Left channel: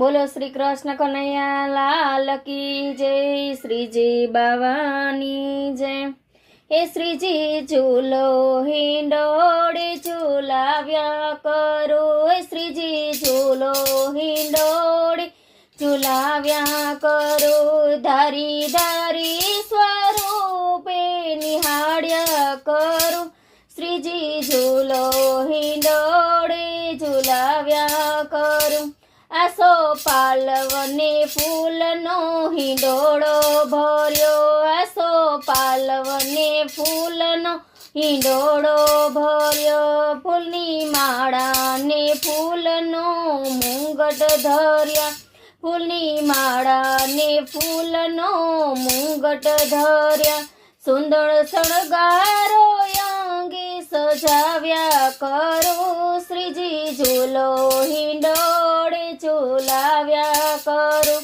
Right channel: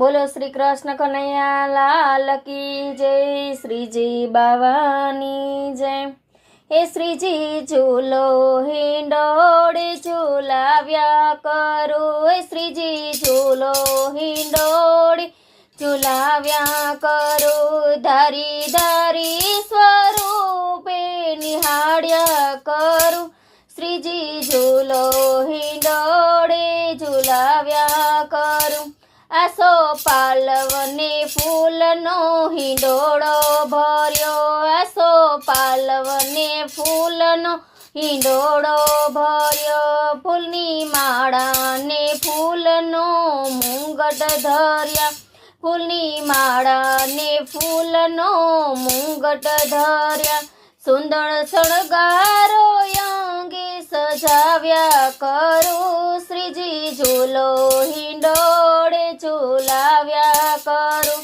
बोलो श्री कृष्ण कन्हैया लाल की जय। श्रीजी बावानी जय। हे श्रीजी झूलो हिंडोड़े झूलाव्या करो। हे श्रीजी झूलो हिंडोड़े झूलाव्या करो। धारी धारी स्वरूपे निहाळ्या करो। श्रीजी झूलो हिंडोड़े झूलाव्या करो। आसो पालवने फूलनो हिंडोळो भर्यो। आसो पालवने फूलनो हिंडोळो भर्यो। फूलनी माळाने फूलनो मुंगट धर्या। फूलनी माळाने फूलनो मुंगट धर्या। सुंदर शणगारो अंगे सजाव्या करो। श्रीजी झूलो हिंडोड़े झूलाव्या करो।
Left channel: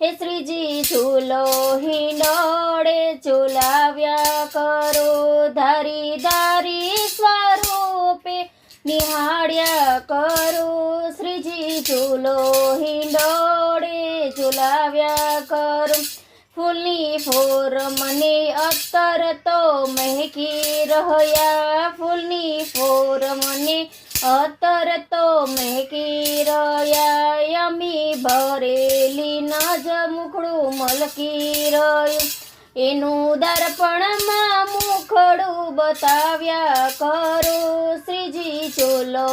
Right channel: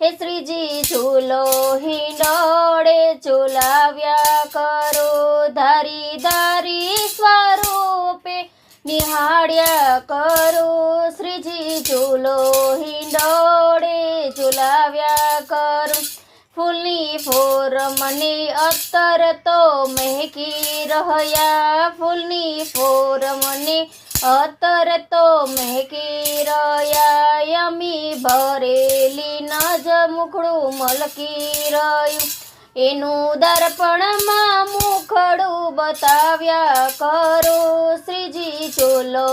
हे श्रीजी झूलो हिंडोड़े झूलाव्या करो। धारी धारी स्वरूपे निहाळ्या करो। श्रीजी झूलो हिंडोड़े झूलाव्या करो। फूलनी फोर मने अत्तर तो महकी रहया। फूलनी फोर मने अत्तर तो महकी रहया। यमी भरेली नज मुखड़ू मलकी रह्यु। एनु दर्पणमां मुखड़ू बताव्या करो। श्रीजी झूलो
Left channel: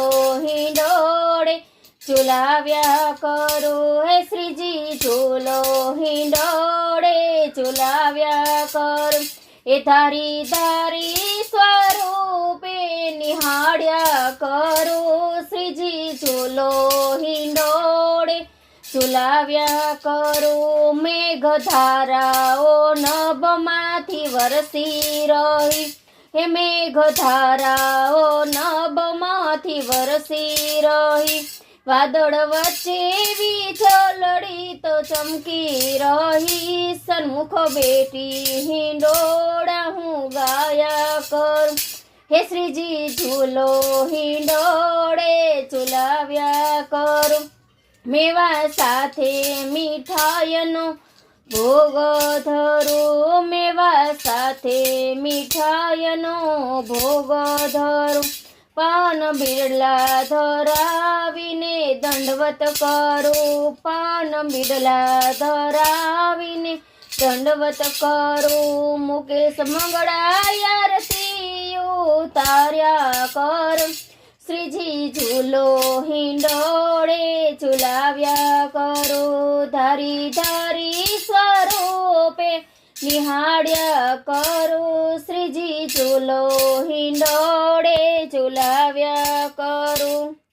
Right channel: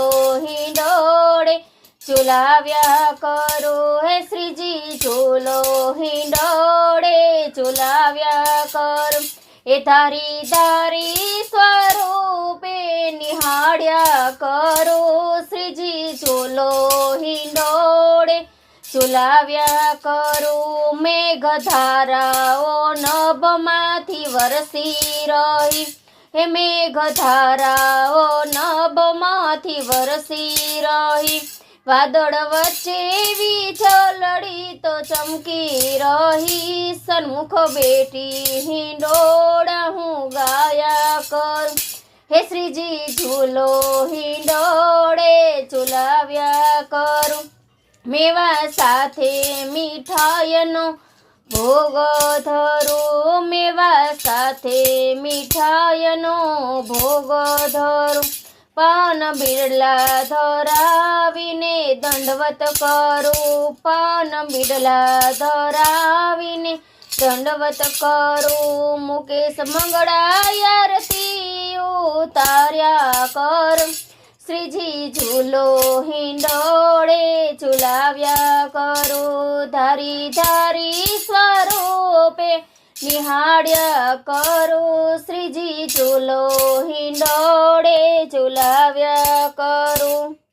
हिंडोड़े झूलाव्या करो। हे श्रीजी झूलो हिंडोड़े झूलाव्या करो। ए धारी धारी स्वरूपे निहाळ्या करो। श्रीजी झूलो हिंडोड़े झूलाव्या करो। मेघधाराओ नभमांथी वरसी रही। हे मेघधाराओ नभमांथी वरसी रही। वादळ वच्चे वीजळी तो चमकी रही। सन्मुख बेटी हिंडोळा हूँ गाया कर। हे श्रीजी झूलो हिंडोड़े झूलाव्या करो। मेवा साथे मीठाईनो भोग धरो। मेवा साथे मीठाईनो भोग धरो। पान बिड़ला धरावीने दंडवत करो। पान बिड़ला धरावीने दंडवत करो। मुकेश मंगळा आरती उतार्या करो। श्रीजी झूलो हिंडोड़े झूलाव्या करो। धारी धारी स्वरूपे निहाळ्या करो। श्रीजी झूलो हिंडोड़े झूला